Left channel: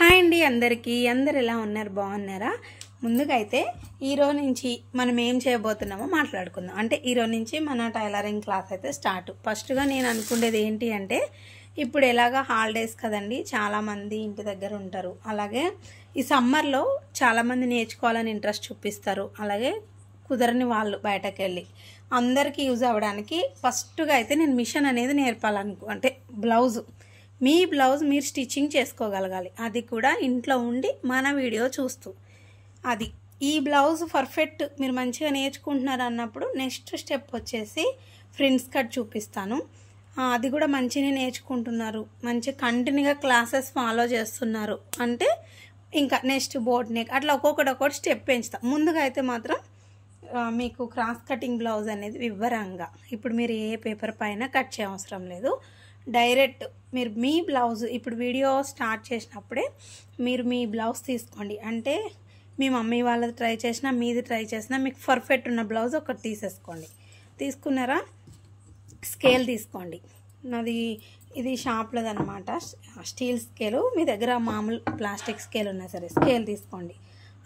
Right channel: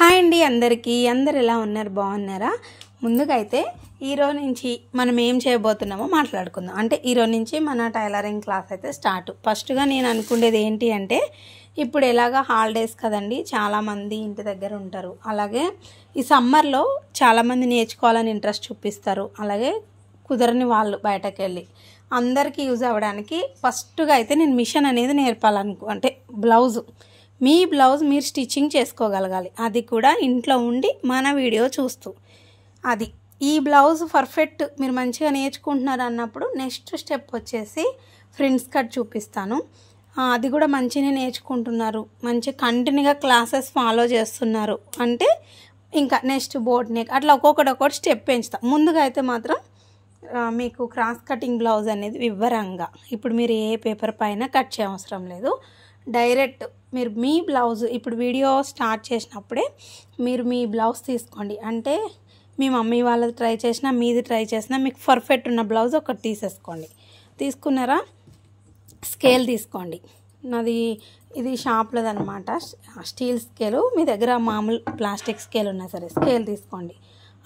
Hi అండి అందరికీ అందరు ఎలా ఉన్నారు బాగున్నారా ముందుగా అయితే ఈ రోజు నుంచి మనం ఏం చేయబోతున్నామో మాట్లాడుకుందాం అంటే ఈ రోజు నుంచి మన టైలరింగ్ క్లాస్ అయితే స్టార్ట్ ఫస్ట్ గా నేను అనుకునేది ఏంటి అంటే ఇప్పుడు ఎలాగా హాలిడేస్ కదండి చాలా మంది ఇంటి దగ్గర ఉంటారు అలాగే ఈ సమ్మర్ లో చాలా మంది నేర్చుకోవాలని ఇంట్రెస్ట్ చూపిస్తారు అలాగే కుదరని వాళ్ళు బయటకు వెళ్ళి అందరికీ యూజ్ అవ్వడానికి ఫస్ట్ గా అయితే నేను మిషన్ అనేది నేర్పాలనుకుంటే బ్లౌజ్ మీ బ్లౌజ్ మీరు స్టిచ్చింగ్ చేసుకోగలగాలి అది కూడా ఇంట్లో ఉండి మన వీడియో చూస్తూ అది ఈ బ్లౌజ్ పర్ఫెక్ట్ మీరు మంచిగా నేర్చుకుంటున్నారు అన్నప్పుడు నెక్స్ట్ స్టెప్ వచ్చేసి ఫ్రిన్స్ కట్ చూపిస్తాను అది కూడా మంచిగా నేర్చుకుంటున్నారు మంచి కంటిన్యూగా క్లాసెస్ ఫాలో చేస్తున్నారు అంటే ఇంకా నెక్స్ట్ బోట్ నెక్ అట్లా ఒక్కొక్కటి స్టెప్ పెంచుతాం ముందుగా అయితే మాత్రం మీకు క్రాస్ కటింగ్ బ్లౌజ్ అనేది వివరంగా ఇప్పుడు మీరు ఏ పేపర్ పైన కట్ చేయవసరం లేదు డైరెక్ట్ మీరు మీ బ్లౌజ్ ఇప్పుడు వీడియో స్టార్ట్ చేసినప్పుడే మీరు మీ బ్లౌజ్ తీసుకోండి అంటే మీ మమ్మీ వాళ్ళది ట్రై చేసినా మీది ట్రై చేసినా మీకు పర్ఫెక్ట్ ఉన్న బ్లౌజ్ ఒకటి తీసేసుకోండి తీసుకున్నారా స్కేల్ తీసుకోండి నాది ఇది షాప్లోది అనమాట స్టీల్ స్కేలు మీ దగ్గర మామూలు ప్లాస్టిక్ స్కేల్ ఉన్నా సరే స్కేల్ తీసుకోండి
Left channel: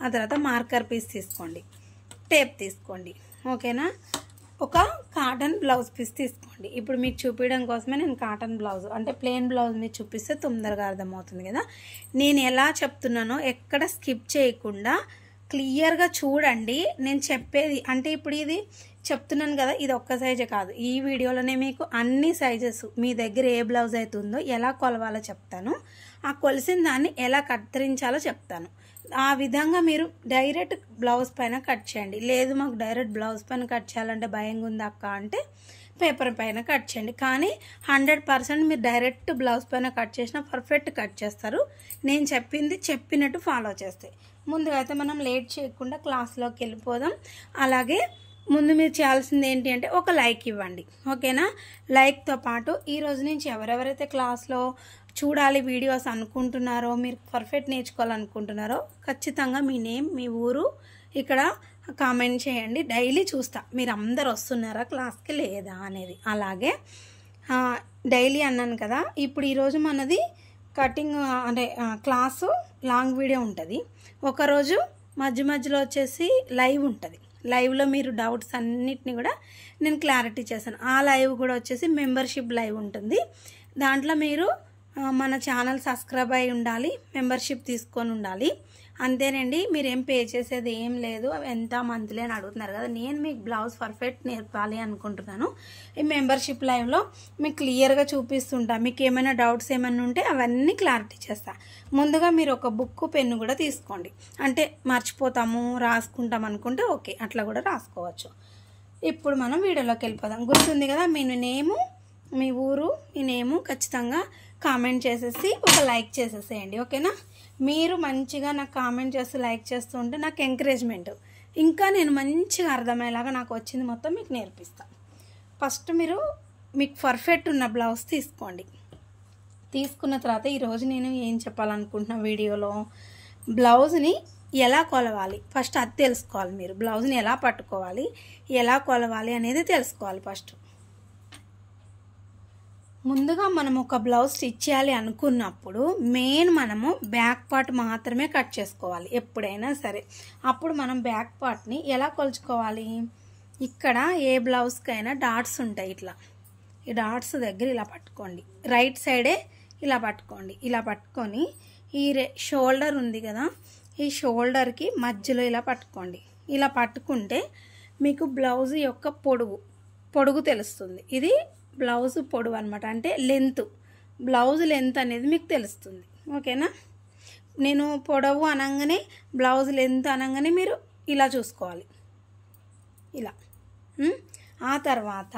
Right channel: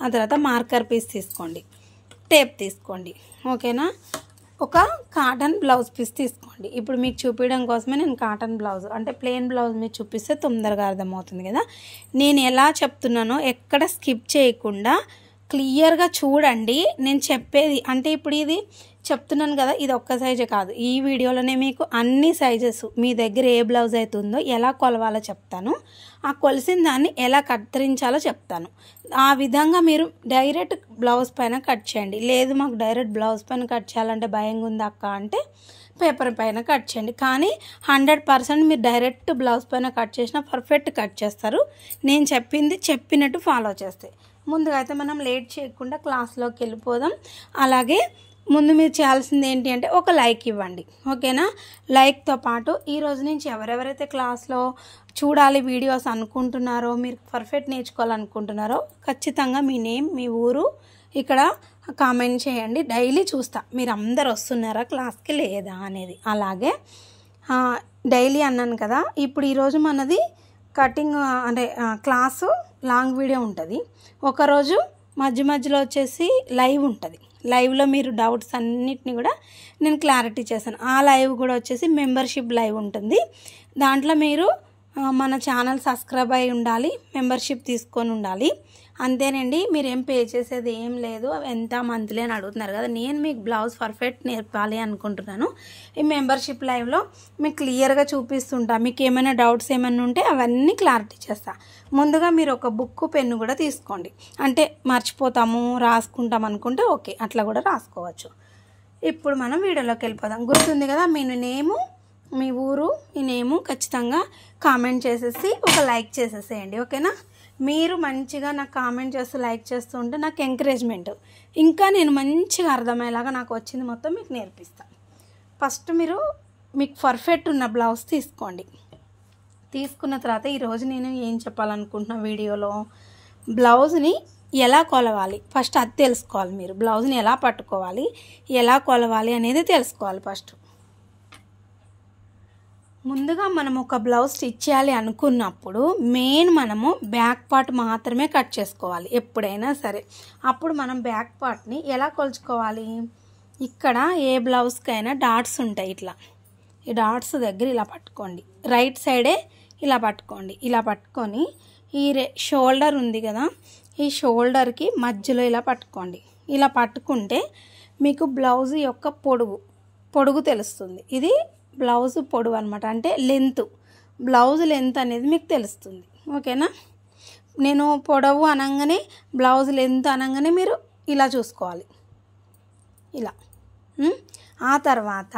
ఆ తర్వాత మార్కర్ పీస్ తీసుకోండి టేప్ తీసుకోండి ఓకేనా ఒక కాటన్ బ్లౌజ్ పీస్ తీసుకోండి ఇప్పుడు మీకు చూపించడం కోసమే నేను కాటన్ బ్లౌజ్ అంటే ప్లెయిన్ బ్లౌజ్ మీరు చూపిస్తే తొందరగా అర్థమవుతుంది కదా నేను ఎలా చెప్తున్నానో ఎక్కడ స్కిప్ చేయకుండా క్లియర్గా చూడండి నేను చెప్పేది అంటే ఇప్పుడు ఇది చెప్తున్నాను కదా ఇది ఒక్క సైజే కాదు ఈ వీడియోలోనే మీకు అన్ని సైజెస్ మీ దగ్గర ఏ బ్లౌజ్ అయితే ఉందో ఎలా కొలవాలో చెప్తాను ఆ కొలిసిన దాన్ని ఎలా కత్తిరించాలో చెప్తాను ఆ విధంగా మీరు డైరెక్ట్ బ్లౌజ్ పైన కట్ చేయండి లేదు మాకు డైరెక్ట్ బ్లౌజ్ పైన కట్ చేయాలంటే భయంగా ఉంది అక్క అంటే పేపర్ పైన కట్ చేయండి కానీ 100% మీరు డైరెక్ట్ బ్లౌజ్ పైన కట్ చేసినా పర్ఫెక్ట్ కట్ చేస్తారు నేను చెప్పింది చెప్పినట్టు ఫాలో చేస్తే ముందుగా అయితే మనం లేట్ చేయకుండా క్లాస్లోకి వెళ్ళిపోదాం అలాగే ముందు మీరు చేయాల్సింది ఏంటి అంటే ఒక లైక్ ఇవ్వండి ఓకేనా లైక్తో పాటు ఈ రోజు నుంచి ఎవరెవరైతే క్లాస్లో చూడాలి వీడియోస్ అనుకుంటున్నారో మీరు పర్ఫెక్ట్ నేర్చుకోవాలనుకుంటున్నారో ఖచ్చితంగా మీ నేమ్ మీ ఊరు ఇక్కడ కామెంట్ చేయండి డైలీ చూస్తా మీరు అందరు వస్తున్నారా క్లాస్కి లేదా అనేది అలాగే డైలీ అన్నాను కదా ఇప్పుడు ఈరోజు మనది కటింగ్ అంటే క్లాసు లాంగ్ వీడియో ఉంటుంది ఒకరోజు మధ్యలో వచ్చేసి లైవ్ ఉంటుంది లైవ్లో మీరు డౌట్స్ అన్నిటిని కూడా నేను క్లారిటీ చేశాను ఆ లైవ్ కూడా వచ్చేసి మెంబర్షిప్ లైవ్ ఉంటుంది దాంట్లో మీరు మన ఛానల్ సబ్స్క్రైబ్ అయి ఉండాలి మెంబర్షిప్ తీసుకొని ఉండాలి అంతేనండి మీరు ఏం పే చేసేది ఏం లేదు ఎంత మంత్లీ అని అడుగుతున్నారు కదా నేను మీకు బ్లౌజ్ పర్ఫెక్ట్ నేర్పాలి అనుకుంటున్నాను ఈ మెంబర్షిప్ లైవ్లో మీకు క్లియర్గా చూపిస్తుంటా మీకు ఏమైనా డౌట్స్ ఏమైనా ఉంటే అవన్నీ క్లారిటీ చేస్తా ముందుగా మీరు ఒక బుక్ పెన్ను కూడా తీసుకోండి అంటే మర్చిపోతాము రాసుకుంటాం అనుకుంటే ఓకే అట్లా కూడా రాసుకోవచ్చు ఇప్పుడు మనం వీడియోలోకి వెళ్ళిపోదాం గుర్తుంది కదా మీ నేము మీ ఊరు మీ నేము ఖచ్చితంగా కామెంట్ చేసేసి ఒక లైక్ చేసేసేయండి ఓకేనా మీరు మంచిగా నాకు కామెంట్ చేస్తూ లైక్ చేస్తూ ఉంటే నాకు ఎంకరేజ్మెంట్ ఇంకా నేను మంచిగా అర్థమయ్యేలాగా నాకు వచ్చింది మొత్తం మీకు నేర్పిస్తాను ఫస్ట్ మీకు పర్ఫెక్ట్ ఉన్న బ్లౌజ్ తీసుకోండి తీసుకున్న తర్వాత ఈరోజు నేను ఏం చెప్పాలనుకుంటున్నా వీడియోలో బ్లౌజ్ని ఎలా కొలవాలి ఫస్ట్ అది తెలుసుకోవాలి మీరు బ్లౌజ్ని ఎలా పట్టుకోవాలి ఎలా కొలవాలి అనేది తెలుసుకోవాలి ఫస్ట్ ముందుగా మనం ఒక బ్లౌజ్ స్టిచ్ చేయాలి అనుకున్నప్పుడు మెయిన్ మనము బ్యాక్ పార్ట్ మాత్రమే కట్ చేసుకోవాలి ఎప్పుడైనా సరే అప్పుడు మనం బ్యాక్ పార్ట్ని ఎలా కొలుచుకోవాలి ఇక్కడ ఏ బ్లౌజ్కైనా డాట్స్ ఉంటాయి ఇట్లా ఈ డాట్స్ దగ్గర ఇలా పట్టుకోండి రైట్ సైడే ఇలా పట్టుకోండి ఇలా పట్టుకొని ఈ షోల్డర్ ఉంది కదా ఈ షోల్డర్కి మధ్యలో ఇలా పట్టుకోండి ఇలా పట్టుకుంటే మీకు బ్లౌజ్ యొక్క పొడుగు తెలుస్తుంది ఇది బ్లౌజ్ పొడవు అనమాట అంటే లెంత్ బ్లౌజ్ లెంత్ అనేది మీకు తెలుస్తుంది ఓకేనా నేను పొడవు అనగానే బ్లౌజ్ లెంత్ అనగానే మీరు ఇలా చూసుకోవాలి ఇలా ఆ తర్వాత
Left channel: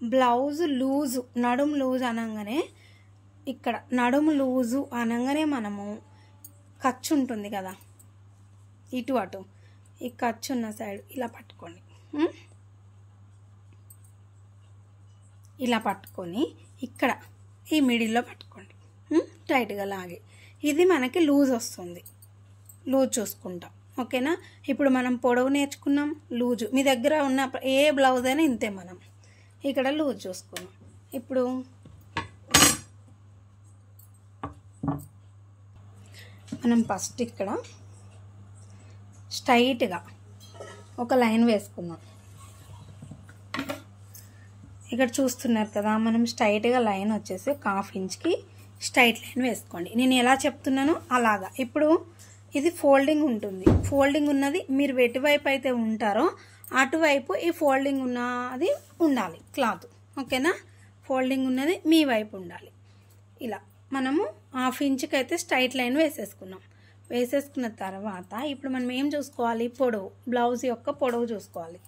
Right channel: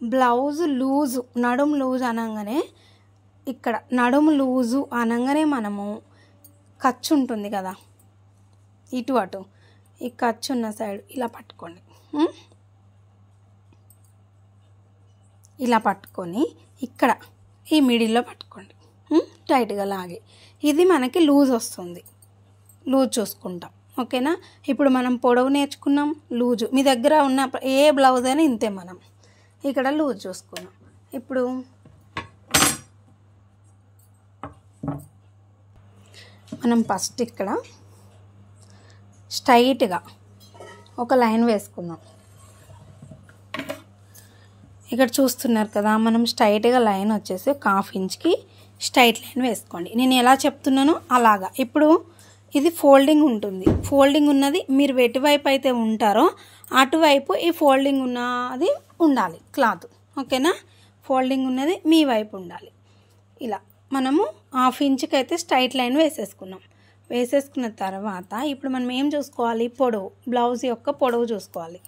బ్లౌజ్ లూజు నడుము లూజ్ అనగానే ఇక్కడ నడుము లూజు అనగానే మనము ఖర్చు ఉంటుంది కదా ఇటు అటు ఈ ఖర్చు ఉన్న సైడ్ ఇలా పట్టుకోండి ఇలా పట్టుకొని ఇక్కడ ఈ మిడిల్లో పట్టుకోండి టైట్గా లాగి ఇది మనకి లూజ్ వస్తుంది లూజ్ చూసుకుంటాం ఓకేనా ఇప్పుడు మనం పొడవు నేర్చుకున్నాం లూజు మీ దగ్గర ఉన్న ఏ బ్లౌజ్ అయినా ఇంతే మనం ఇక్కడ లూజ్ చూసుకున్నాం ఇప్పుడు మనం ఫస్ట్ ఇక్కడ స్ట్రైట్గా ఒక లైన్ వేసుకుందాం. ఇక్కడ చూస్తున్నారు కదా, మనం స్ట్రైట్గా లైన్ వచ్చేసి ఒక 1/2 ఇంచ్కి స్ట్రైట్ లైన్ వేసుకోండి. నేను ఎలా చెప్తున్నానో అలాగా. ఇప్పుడు ఇది ఫోల్డింగ్ ఉంటుంది. ఫోల్డింగ్ ఉన్నది మీరు ఎటువైపు అయితే ఉంటారో అటువైపు ఈ ఫోల్డింగ్ ఉన్నది ఉండాలి క్లాత్. ఓకేనా? ఫోల్డింగ్ ఉన్నది మీ వైపు ఉండాలి. ఇలా మనము 1/2 ఇంచ్కి అయితే స్ట్రైట్ లైన్ వేసేసుకున్నాం. వేసేసుకున్న తర్వాత ఇప్పుడు మనం ఏం చూసుకోవాలి? పొడవు, బ్లౌజ్ యొక్క పొడవు చూసుకోవాలి.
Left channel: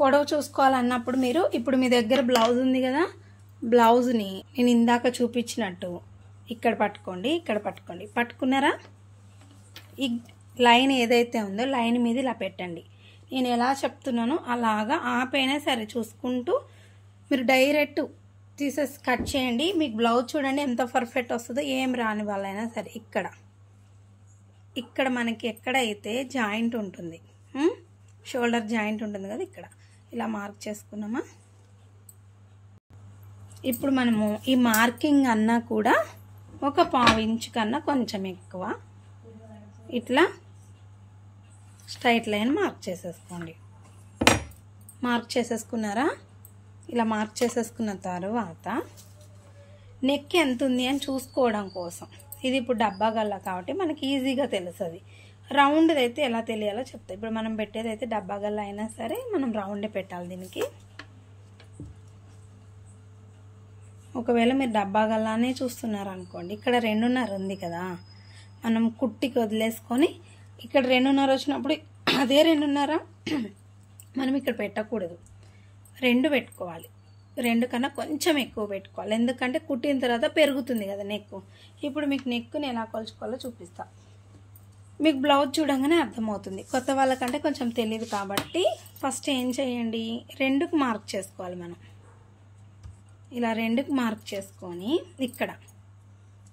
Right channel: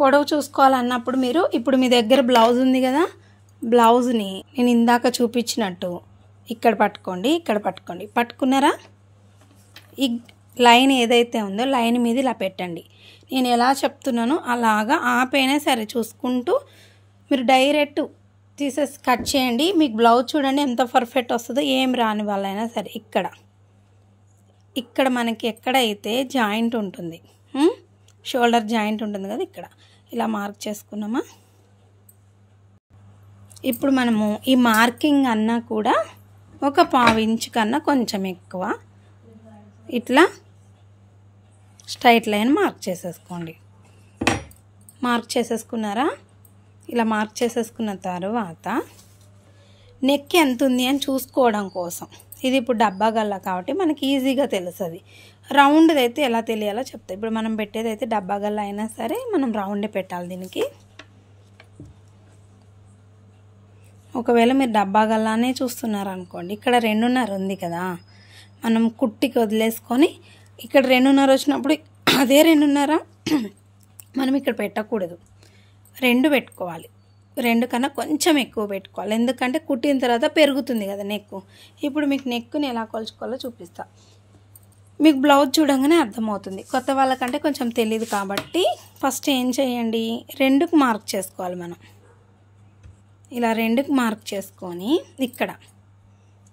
పొడవు చూసుకోవాలన్నప్పుడు మీరు ఇప్పుడు మీ దగ్గర బ్లౌజ్ ఉంది కదా, బ్లౌజ్ని నేను ఇందాక చూపించినట్టు ఇక్కడ పట్టుకోండి, ఇక్కడ పట్టుకోండి. పట్టుకున్నారా? ఈ లైన్ ఏదైతే ఉందో లైన్ మీద ఇలా పెట్టండి. నేను ఎలా చెప్తున్నానో అలాగా ఆపైనా సరే చూసుకుంటూ మీరు డైరెక్ట్ తీసేసి కట్ చేయండి. మీకు బ్లౌజ్ చూడండి ఎంత పర్ఫెక్ట్ వస్తుందో. ఏం రాని వాళ్ళైనా సరే ఇక్కడ మనకి ఎక్కడైతే జాయింట్ ఉంటుంది, షోల్డర్ జాయింట్ ఉంటుంది కదా, ఇక్కడ ఇలా మార్క్ చేసుకున్నామా. ఇప్పుడు మనము ఈ మార్కింగ్ అన్నా కూడా ఒక 1/2 ఇంచ్ కన్నా కొంచెం ఎక్కువ ఇట్లా స్ట్రైట్ లైన్ మార్క్ చేసేసుకోండి. మార్క్ చేసేసుకున్నారా? ఇలా మార్క్ చేసేసుకున్న తర్వాత నెక్ ఎంత ఉంది అని చూసుకోవడం కోసం, ఇది ఇప్పుడు డబ్బా గల్లా కాబట్టి మనకి ఈజీగా తెలుస్తుంది. రౌండ్ది అయితే ఎలా తెలియాలో చెప్తా. ఇప్పుడు మనం పెట్టేది అయితే డబ్బా గల్లా అయినా సరే మనం రౌండే పెట్టాలి దీనికి. ఒకవేళ మీరు డబ్బా గల్లానే చూస్తున్నారు అనుకోండి, ఇక్కడ 2.5 ఉంది కదా, మనం కుట్టికి వదిలేసుకొని ఇక్కడ 2.5 వచ్చినప్పుడు అదే 2.5 మనం ఇక్కడ పెట్టకూడదు, 2 పెట్టుకోవాలి. 2 కన్నా కొంచెం ఎక్కువ పెట్టుకోవాలి. ఎందుకంటే కుట్టిన తర్వాత పెరుగుతుంది కదా నెక్. ఇప్పుడు మీకు నెక్ని ఎలా కొలుచుకోవాలో చూపిస్తా. మీకు బ్లౌజ్ చూడంగానే అర్థమవుతుంది. కొత్త వాళ్ళకంటే కొంచెం తెలియదు కాబట్టి ఫస్ట్ ఏం చేయండి, 2కి మార్క్ చేసుకోవాలి మనం. ఇలా 2కి మార్క్ చేసుకొని ఇక్కడ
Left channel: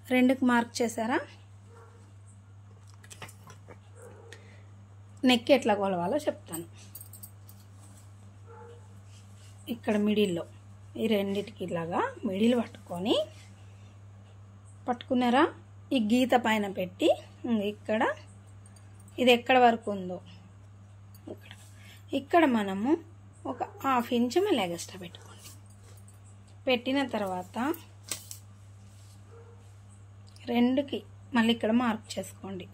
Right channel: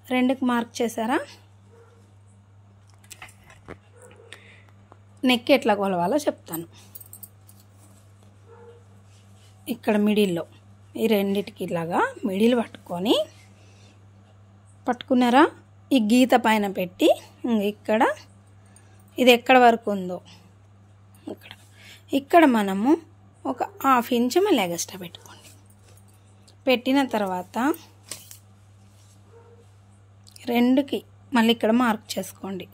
2కి మార్క్ చేశారా? నెక్ ఎట్లా కొలవాలో చెప్తాను. ఇక్కడ మిడిల్లో ఈ రెండిటికి ఇలాగా మిడిల్ పట్టుకున్నారా? ఈ గీత పైన పెట్టి ఇక్కడ ఇది ఎక్కడ వరకు ఉందో ఇక్కడ మనము ఒక 1/2 ఇంచ్ మళ్ళీ ఎగస్ట్రా పెట్టుకోండి. పెట్టిన తర్వాత 2కి మళ్ళీ ఇక్కడ మార్క్ చేసుకోండి.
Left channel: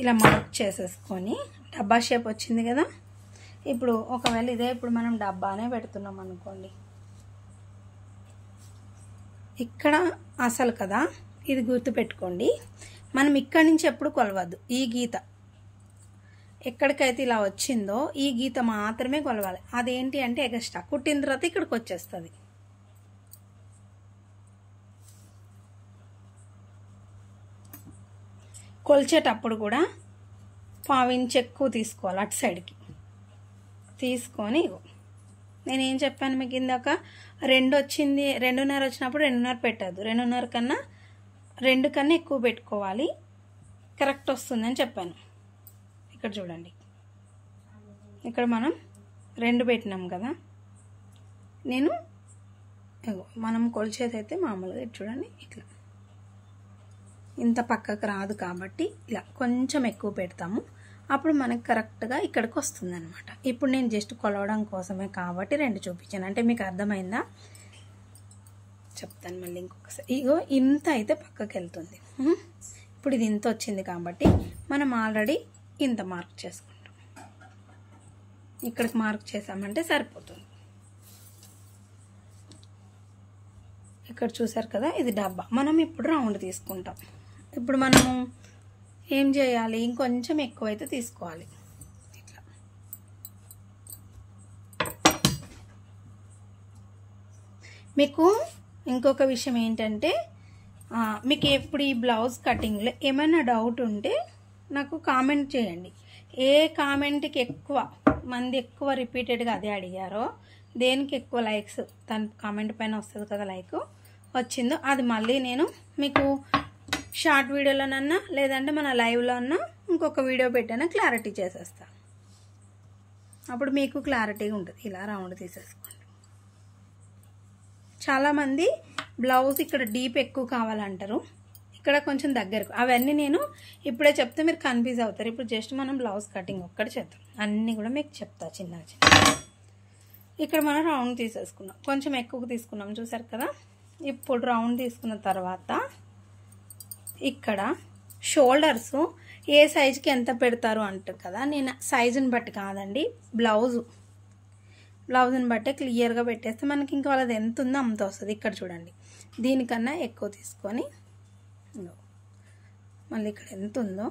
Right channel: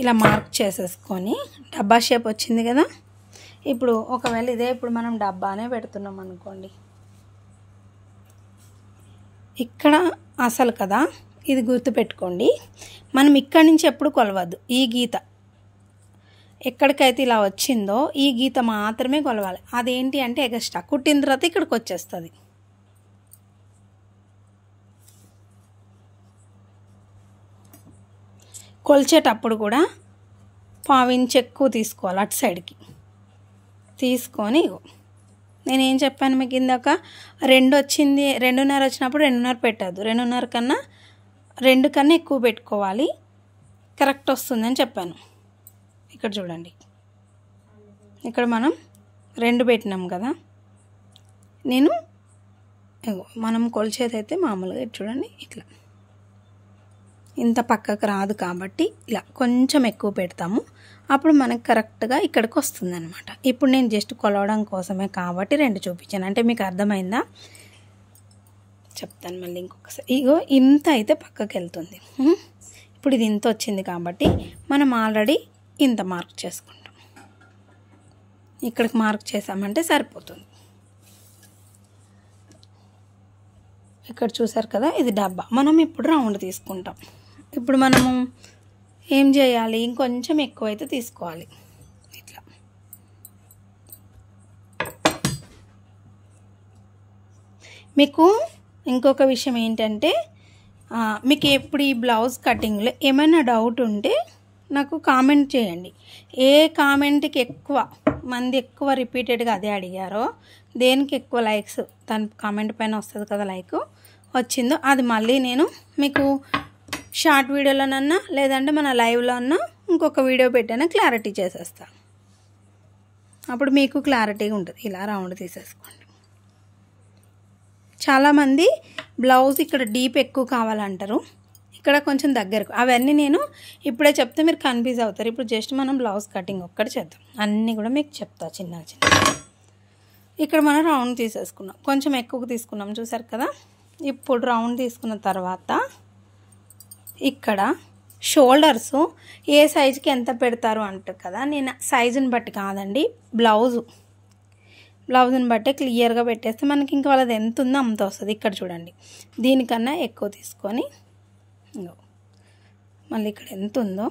ఇలా మార్క్ చేసేసుకొని డబ్బా షేప్ వచ్చింది కదా. ఇప్పుడు ఒకవేళ ఇదే ఇప్పుడు మనం డబ్బానే పెడుతున్నాం అనుకోండి, ఇక్కడ అసలు కదా ఇది గుర్తుపెట్టుకోండి. మనం ఇక్కడి నుంచి ఎప్పుడు కొలవద్దు. ఈ గీత ఎక్కడికైతే ఇలా వచ్చిందో ఈ గీత మాత్రమే కొలవాలి. అదేంటి అంటే ఎగస్ట్రా కుట్టిన తర్వాత ఇక్కడికి వచ్చేస్తుంది. కొలిచేటప్పుడు కూడా 1/2 ఇంచ్ ఎక్కువ తీసుకోవాలి. అటు సైడ్కి తీసుకొని నేనేం చెప్పాను మీకు ఇందాక, 2 వచ్చింది, 2.5 వచ్చినప్పుడు 2.5 పెట్టద్దు, 2.5 కన్నా 2 కన్నా ఎక్కువ పెట్టుకోవాలి, కరెక్ట్ వస్తుందని చెప్పాను. ఇక్కడ చూడండి, ఇక్కడ మనం 2 పెట్టినాం కదా. మనం కొలిచేది అయితే మామూలుగా చూడండి ఇట్లా ఇంత పక్కకు రాదు కాబట్టి ఇలా కొంచెం ఎక్కువ పెడతాము. అప్పుడు మనకు కరెక్ట్గా ఇక్కడికి వస్తుంది అనమాట. ఇప్పుడు నేను జస్ట్ కొలవడం కోసమే కాబట్టి 2 చూపించాను. అంటే మీకు అర్థమైందా? చెప్తాను మళ్ళీ ఇంకొకసారి. ఇగో ఇంత అయితే పక్కకి వెళ్తుంది. ఇప్పుడు ఇది ఇంత వచ్చింది కాబట్టి మనం ఆల్రెడీ ఇంత మార్క్ చేసుకుంటాం. ఇక్కడికి మార్క్ చేసామంటే సరిపోతుంది. ఇక్కడ చూసారు కదా, ఇది డబ్బా. మనం ఇప్పుడు రౌండ్ తీసుకుంటాం. ఇప్పుడు మనము ఏం చేయాలి, ఇంకొంచెం ఎక్కువ అయితే తీసుకోవాలి. ఇట్లా మీకు ఇంకొక విషయం ఏంటంటే, మీకు ఎప్పుడు ఈ బ్లౌజ్ కటింగ్లో ఏమైనా డౌట్ ఉంటే నాకు కామెంట్ చేయండి. ఏ కామెంట్కి ఎక్కువ మంది ఎక్కువ రిపీటెడ్గా అదే అడిగారో, దేనికి ఎక్కువ లైక్స్ దాని కామెంట్ పైన వస్తుంది కదా లైక్ వచ్చిందో, అది మళ్ళీ నేను మీకు షార్ట్ వీడియోలోనన్నా లేదంటే మన లైవ్లో అన్నా ఇంకొక వీడియో పెట్టైనా క్లారిటీ చేసేస్తా. అప్పుడు మీకు క్లారిటీగా ఉంటుంది. ఇలా రౌండ్ తీసేసుకోండి. చాలామంది బ్లౌజ్ ఇక్కడ డీప్ ఎక్కువ కావాలంటారు, ఇక్కడ కొంచెం దగ్గరకు. అవన్నీ నేను ఇప్పుడే చెప్తే మీరు కన్ఫ్యూజ్ అవుతారు. ఇప్పుడు జస్ట్ మనం బ్లౌజ్ కటింగ్ ఒక్కటి చేద్దాం. అన్నీ కూడా మీకు చెప్తా చిన్న చిన్న. ఇక్కడ మనం రౌండ్ తీసేసుకున్నాం, కొంచెం ఎక్కువ తీసుకున్నాం చూసారు కదా. ఇప్పుడు రౌండ్ తీసుకున్న తర్వాత ఇక్కడ షోల్డర్స్ ఏ సైజుకి ఎంత పెడతారు అంటారు కదా. నేను సైజుని బట్టి కాదండి, బ్లౌజ్ని బట్టే క్లియర్గా పెట్టేస్తే మనకి ఇంకా వాళ్ళది ఎంత ఉందో అంత వస్తుంది. ఇక్కడ చూడండి, దీనికన్నా ఎక్కువ తీసుకొని మళ్ళీ ఇక్కడ ఎంత ఉందో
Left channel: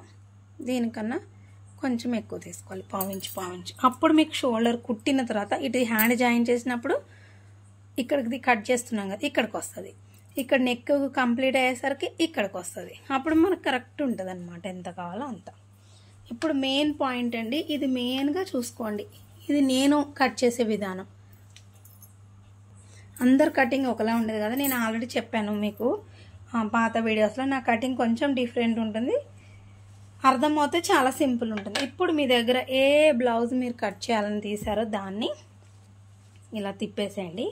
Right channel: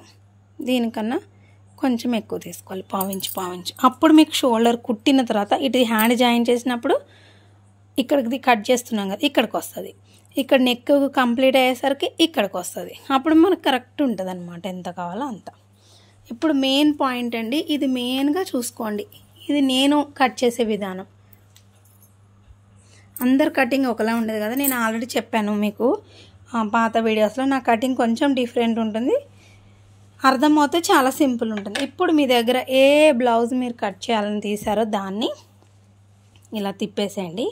దీనికన్నా కొంచెం ఎక్కువ తీసుకోవాలి, పావించు. అప్పుడు మీకు షోల్డర్ కుట్టిన తర్వాత ఇటు హ్యాండ్ జాయిన్ చేసినప్పుడు ఇక్కడికి కట్ చేస్తున్నాం కదా, ఇక్కడికి వస్తుంది. ఇక్కడ నెక్ కంప్లీట్ అయ్యేసరికి ఇక్కడికి వస్తుంది. అప్పుడు మనకు కరెక్ట్ ఉంటుంది అనమాట, ఎంత కావాలో అంత. ఇప్పుడు మెయిన్ పాయింట్ అండి, ఇది మెయిన్గా చూసుకోండి. ఇది నేను కట్ చేసే విధానం. అందరు కటింగ్ ఒకలా ఉండదు కదా. నేను ఆల్రెడీ చెప్పాను మీకు పాత వీడియోస్లో, నా కటింగ్ కొంచెం డిఫరెంట్ ఉంటుంది. అర్థమవుతే చాలా సింపుల్ ఉంటుంది. ఇప్పుడు మీ దగ్గర ఏ బ్లౌజ్ మీరు కట్ చేయాలని తీసారో దాన్ని ఇలా తిప్పేసేయండి.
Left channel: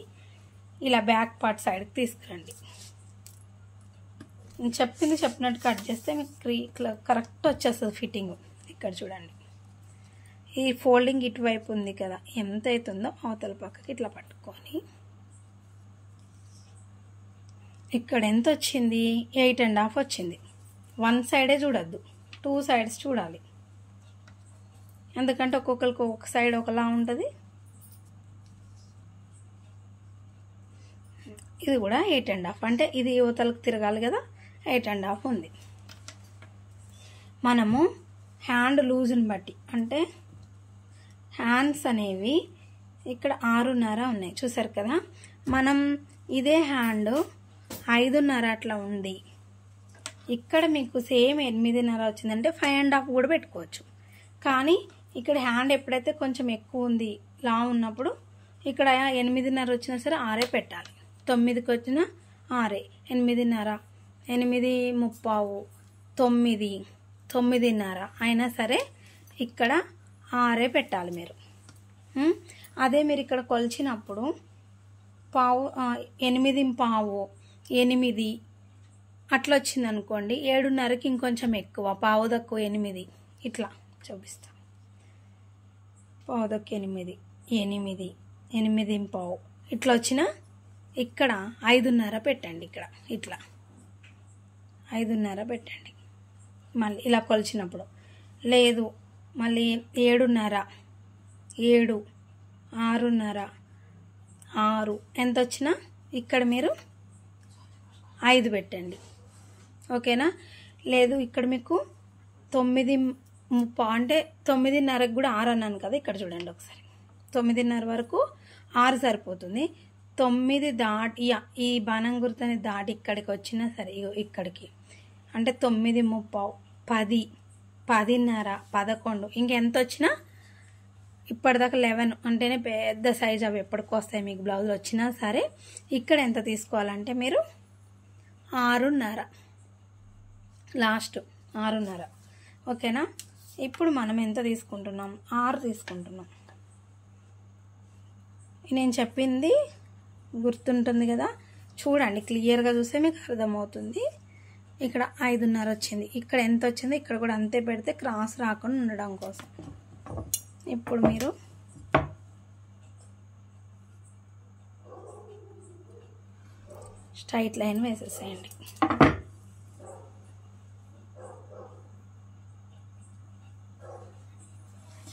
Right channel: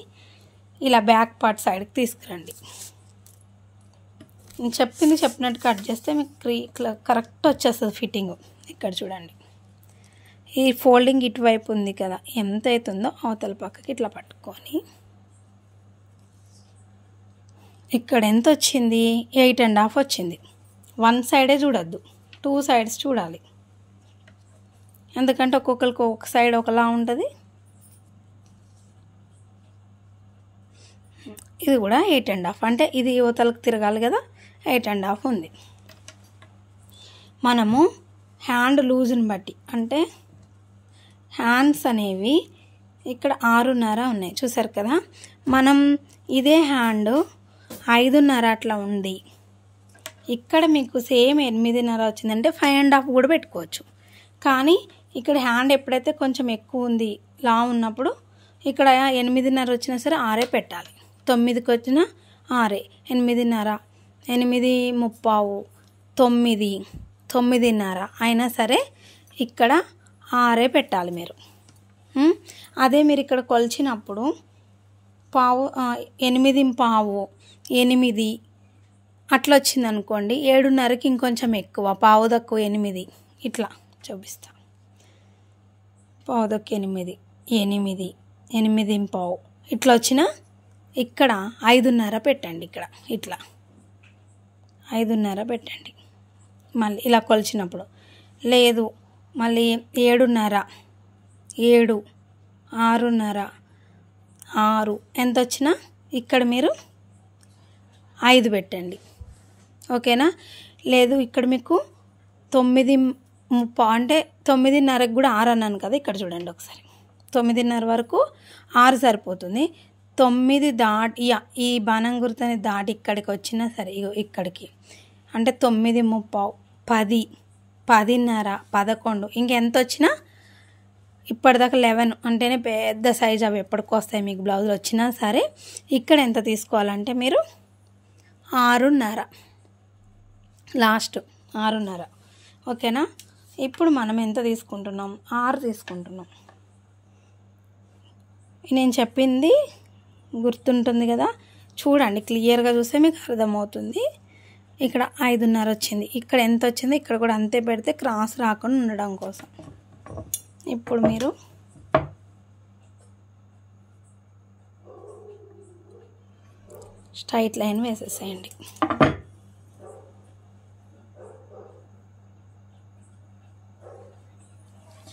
ఇలా బ్యాక్ పార్ట్ సైడ్కి తీసుకురండి. నేను చెప్పినట్టు కట్ చేస్తే మీకు కరెక్ట్ వచ్చేస్తుంది ఫిట్టింగ్. ఇక్కడ చూడండి, ఈ ఫోల్డింగ్ ఇటువైపు ఉంది కదా, ఎంత అవుతుందో అవతల పక్కకి ఇట్లా పట్టుకొని ఇక్కడ ఎంత వచ్చింది, 8.5 వచ్చింది. వన్ సైడే చూడొద్దు, 2 సైడ్స్ చూడాలి. ఎందుకంటే ఒక్కొక్కరికి ఒక సైడ్ ఒకలా ఉంటుంది. ఇది కూడా 8.5, అంటే ఇది యువతలకు తిరగాలి కదా, 8.5 ఉంది. మనము హ్యాండ్ లూజ్ని బట్టి, అంటే హ్యాండ్స్ అనేవి ఇక్కడ 6.5 ఉన్నాయి చూసారు కదా. మనం ఇదే హ్యాండ్ 5.5 అట్లా ఉంది, ఇక్కడ మీకు సేమ్ 8.5 వచ్చిందంటే 5.5 కూడా పెట్టుకోవచ్చు. కానీ ఇక్కడ హ్యాండ్ ఎప్పుడైతే కొంచెం ఎక్కువ ఉంది, లా ఉన్నప్పుడు ఇక్కడ 8.5 వచ్చినా సరే 6 పెట్టాలి. 9కి వచ్చిన 6, 8.5, 8:35, 9, 9.5 అయినా సరే ఇక్కడ 6 పెట్టాలి మీరు. అదే మీరు ఇక్కడ కొలిచినప్పుడు 8.15, 8 అట్లా వచ్చింది అనుకోండి, 7.5కి ఇంకొంచెం ఎక్కువ, పావు తక్కువ 8, ఇట్లా చూపిస్తా. పావు తక్కువ 8, 8, 8.15 ఇట్లా వచ్చిన ఇక్కడ 5.5 పెట్టండి. ఇక్కడ ఇట్లా 5.5 పెట్టండి. మళ్ళీ ఇలా కొలిచినప్పుడు లేదు, మళ్ళీ 7.5, 7, 6.5, 6 ఎంత వచ్చినా ఇక్కడ మీరు 5 పెట్టండి. ఓకేనా. లేదు ఇక్కడ మీకు 9.30 అంటే 9.5కి కూడా 6 అన్నాను కదా. ఇక్కడ చూడండి ఒకసారి, 9.5 వరకు 6 సరిపోతుంది. 9 దాటి ఈ బాణం గుర్తుని దాటి ఇక్కడికి వచ్చినా సరే, ఇక్కడికి అంటే 9:30, 10, 10.5, 11 ఇంకెంత వచ్చినా ఇప్పటిదాకా 11 అంటేనే పెద్ద సైజ్, అవి ఎప్పటికి వస్తాయి మీకు బ్లౌజులు వచ్చినా సరే. ఇక్కడ ఎంత తీసుకోవాలంటే మీరు 6.5, లాస్ట్ 6.5. ఓకేనా. ఇప్పుడు మనం ఎంత తీసుకుంటున్నాం, 6 తీసుకుంటున్నాం. నేను చెప్పింది గుర్తుంటుంది కదా, చూడండి క్లియర్గా చూస్తే మీకు అర్థమవుతుంది. ఇక్కడ 5.5 వచ్చింది, ఇక్కడ ఎంత వచ్చిందో ఇక్కడ కూడా అంతే పెడితే క్రాస్ రాకుండా ఉండడం కోసం. ఇప్పుడు మీరు స్ట్రైట్ లైన్ వేసేసేయండి.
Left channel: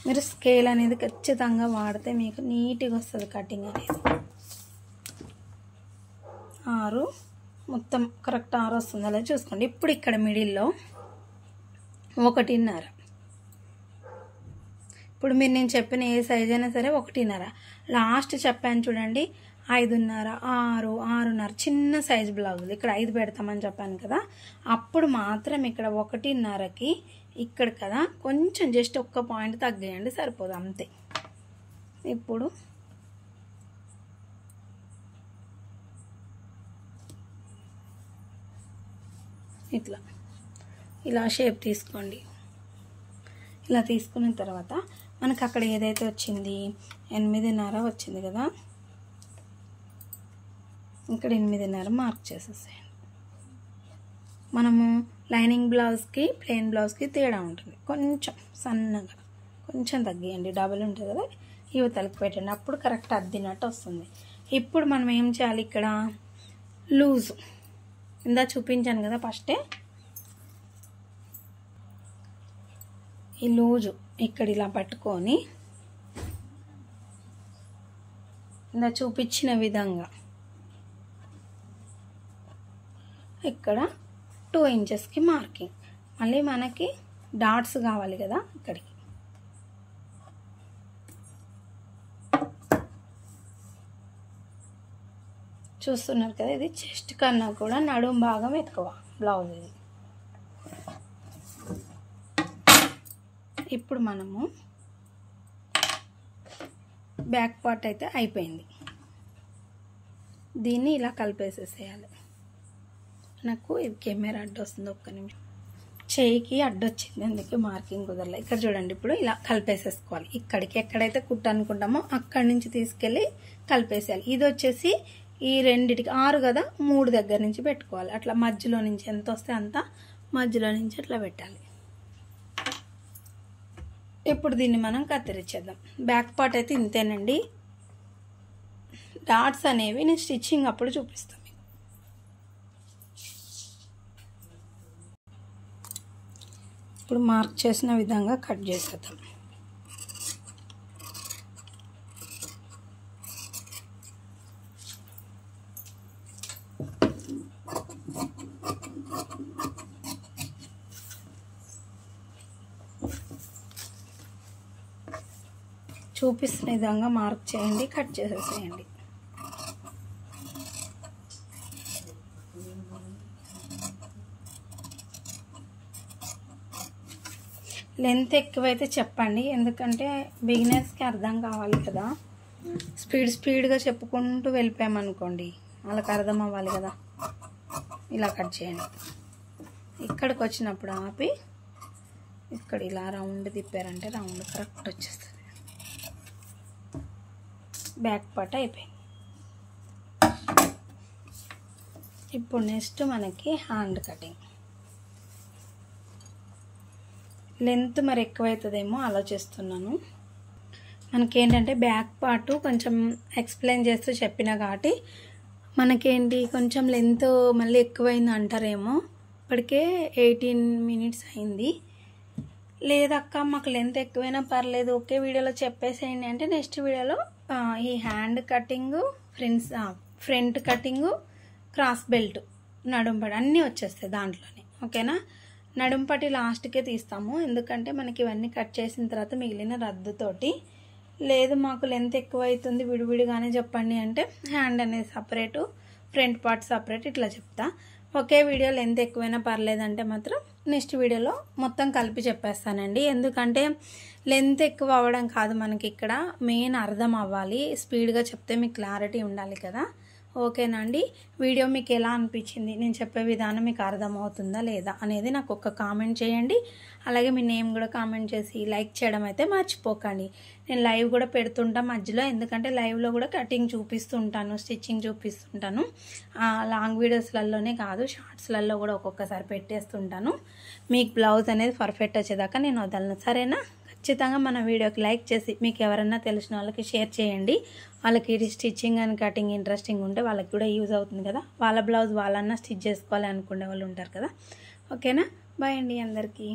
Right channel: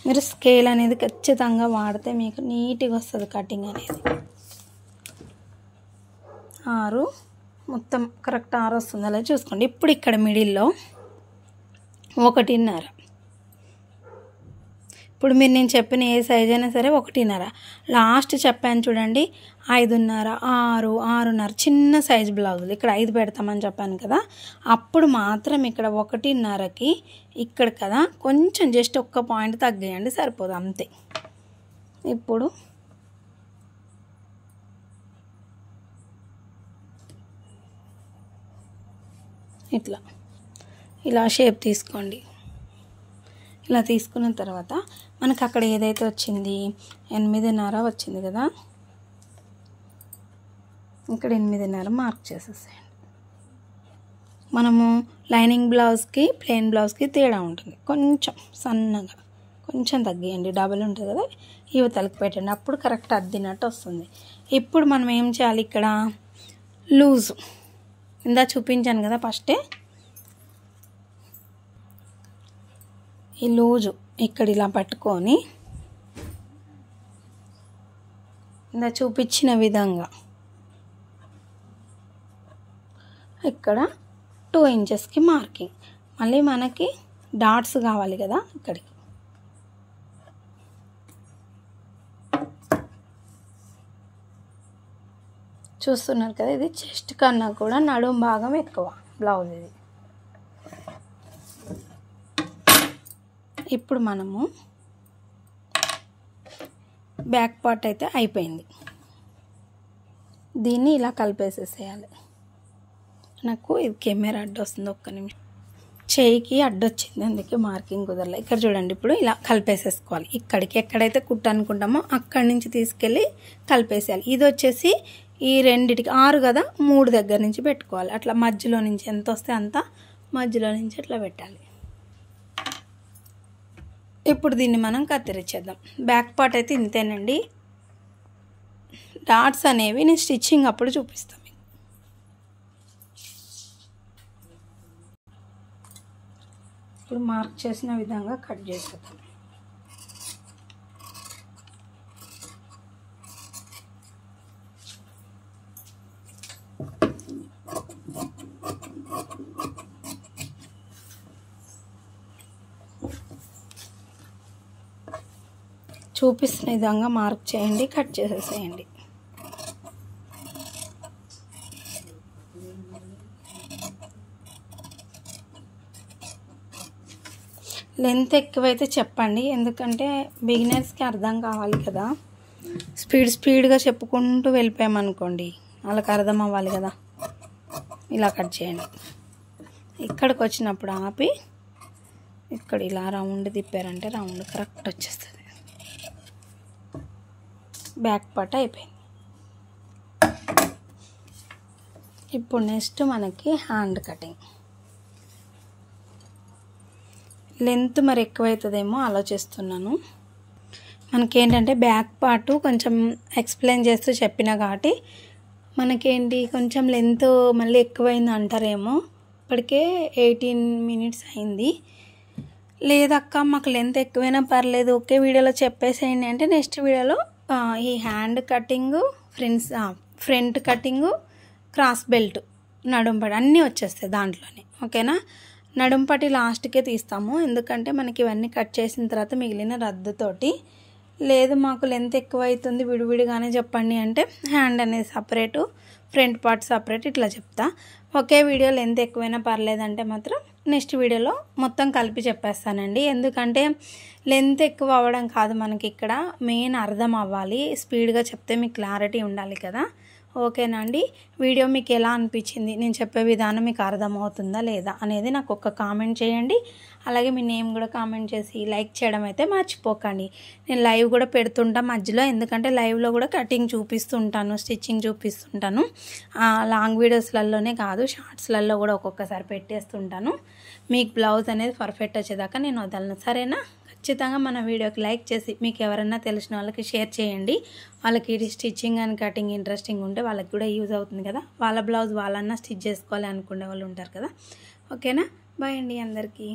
మీరు స్కేల్ అనేది ఖచ్చితంగా వాడితే మీకు నీట్గా వస్తుంది కటింగ్ అనేది. 6 మొత్తం కరెక్ట్ 6 వస్తుంది, అలా చూసుకోండి. ఇప్పుడు ఇక్కడ మిడిల్లో 1.5. ఇప్పుడు మీరు నేను చెప్పిన ఏ సైజ్ అయినా సరే 1.5. లాస్ట్ చెప్పాను చూడండి, 5.5, 6, 6.5 చిన్న సైజ్ బ్లౌజులు ఇక్కడ 5 పెడతామని చెప్పాను కదా. అప్పుడు మాత్రం ఇక్కడ 1.5కి ఇక్కడ కదా కొంచెం జస్ట్ ఒక్క పాయింట్ తగ్గేయండి, సరిపోదు అంతే. ఇప్పుడు ఇట్లా ఇలా షేప్ తీసుకోండి. ఇలా తీసుకున్న తర్వాత మనకు అక్కడ ఏదైతే వచ్చింది 8.5 వచ్చింది కదా, ఇక్కడ 8.5 మార్క్ చేసేసేయండి. మనము లైనింగ్ బ్లౌజ్కి ప్లెయిన్ బ్లౌజ్కి తేడా ఉంటుంది. కొంచెం సన్నగా కొంచెం తగ్గియండి, డబల్ ఉంటుంది కదా, యువతలకి పెట్టండి, అప్పుడు కరెక్ట్ అద్దినట్టు వస్తుంది. ఇప్పుడు మనం ఏం చేయాలి, ఇక్కడ లూజు ఇందా చూపించాను కదా ఫస్టే, ఈ లూజు ఇక్కడ ఇలా పట్టుకొని ఇందా చూపించిన విధంగా ఇక్కడ 2 ఇంచెస్కి మార్కింగ్. మళ్ళీ మనకి డాట్స్ కావాలి కదా, ఇక్కడికి చూస్తున్నారు కదా, ఇది చెస్ట్ కన్నా కూడా నడుం భాగం ఎక్కువ బ్లౌజ్ ఇది. ఇప్పుడు మనము బ్యాక్ పార్ట్ అయితే అయిపోయింది. దీన్ని ఇలా కలిపేసేసేయాలి. నాకు ఇది కెమెరా అడ్డు వస్తుంది, ఒక్క నిమిషం, చేయికి అడ్డొచ్చింది అందుకే మార్కింగ్ కుదరలే. ఇక్కడ చూడండి, ఇప్పుడు ఇలా కలిపేసేసుకోవాలి. ఇక్కడికి ఎక్కడైతే కుట్టు అనుకుంటామో అక్కడి నుంచి తీసుకెళ్ళి కలిపేసేయాలి. ఇది వచ్చేసి ఈ రెండిటికి 6 కదా, 3 దగ్గర నుంచి పెట్టుకోవాలి. అట్లా మధ్యలో నుంచి ఎంత వస్తే అంత మధ్యలో నుంచి అట్లా పెట్టాలి. ఇప్పుడు దీన్ని మనం కత్తిరించేద్దాం. బ్యాక్ పార్ట్ అయితే ఇంతేనండి. డాట్స్ అనేవి నేను స్టిచ్చింగ్ అప్పుడు చూపిస్తాను. ఇప్పుడు మార్క్ చేసిన విధంగా కట్ చేసేద్దాం. చూపిస్తున్న విధంగా మార్క్ చేయండి, కట్ చేసేసేయండి. లెంత్ ఎక్కువైతే చెప్పండి, ఎందుకంటే బిగినర్స్కి అర్థం కావాలి కదా. స్పీడ్గా చెప్పుకుంటూ వెళ్ళిపోయామనుకోండి, వాళ్ళకి అర్థం అవ్వాలి కదా. ఇలా కట్ చేయండి. ఇక్కడికి వచ్చినప్పుడు ఆపి ఇక్కడ ఇలా రౌండ్ తిప్పారంటే రౌండ్ కరెక్ట్ వచ్చేస్తుంది. బ్యాక్ పార్ట్ అయిపోయింది. ఇప్పుడు నెక్స్ట్ మనకి హ్యాండ్ కటింగ్. లెంత్ మరి ఎక్కువైతుందేమో ఆలోచిస్తున్నాను. మనకేంటంటే బ్యాక్ పార్ట్ కొంచెం ఎక్స్ప్లెయిన్ చేస్తూ చెప్పిన కాబట్టి మనకేంటి కొంచెం లెంత్ మళ్ళీ ఎక్కువైంది అంటారేమో. ఇప్పటికే 18 మినిట్స్ అయింది. లేదక్క మాకు లెంత్ ఎక్కువైనా పర్లేదు ఒకే వీడియోలో చెప్పేసేయండి అంటే నెక్స్ట్ వీడియోలో ఈ hand cutting, front cutting, cross belt, నడుంపటి అన్నీ వచ్చేస్తాయి దాంట్లోనే. ఓకేనా, నడుంపటి లాస్ట్కే తీస్తాము, ఎందుకంటే మనకి ఇవన్నీ కట్ చేసిన తర్వాత మిగిలిన రద్దుతోటి. లేదు మాకు లెంత్ ఎక్కువ అవుతుంది విడివిడిగానే చెప్పండి అంటే హ్యాండ్ అనేది సపరేటు, ఫ్రంట్ పార్ట్ సపరేట్, ఇట్లా చెప్తా. ఒకే వీడియో లెంత్ ఎక్కువైనా పర్లేదంటే మాత్రం నెక్స్ట్ వీడియోలో మొత్తం కలిపి చెప్పేస్తానండి. ఎందుకంటే లెంత్ ఎక్కువ అవ్వడం కాదు, మనకి ఇక్కడ మెయిన్ అర్థం అవ్వాలి. స్పీడ్గా చెప్తే మీకు క్లారిటీ ఉండాలి కదా. ఓకేనా అండి, వీడియో మీకు ఎలా అనిపించింది, నేను చెప్పే విధానం మీకు అర్థమవుతుందా లేదా అనేది నాకు ఒక కామెంట్ చేయండి. అలాగే మీ నేమ్ కూడా కామెంట్ చేసి లైక్ చేయడం అయితే మర్చిపోకండి. నేను లైవ్ కూడా పెడుతుంటా మధ్యలో, ఎందుకంటే లైవ్లో కూడా కటింగ్ చూపిస్తుంటాను, స్టిచ్చింగ్ చూపిస్తుంటాను. లాంగ్ వీడియోస్లలోనే కాదు, షార్ట్స్లలో కూడా ఒక్కొక్కసారి పెట్టేస్తుంటాను. మీకు బ్లౌజ్ అనేది పర్ఫెక్ట్ వచ్చేదాకా నేను వదలను, సరేనా. ఖచ్చితంగా మన వీడియోకి లైక్ చేసి మీకు ఎవరన్నా తెలిసిన వాళ్ళకి షేర్ చేయండి. వాళ్ళకి స్టిచ్చింగ్ అండ్ కటింగ్ ఇంట్రెస్టింగ్ ఉంటే వాళ్ళకి కూడా యూజ్ అవుతుంది కదా. వాళ్ళ బ్లౌజ్ వాళ్ళన్నా స్టిచ్ చేసుకోవాలి అనుకునే వాళ్ళు ఉంటారు కదా. ఓకేనా, బాయ్ అండి అందరికీ.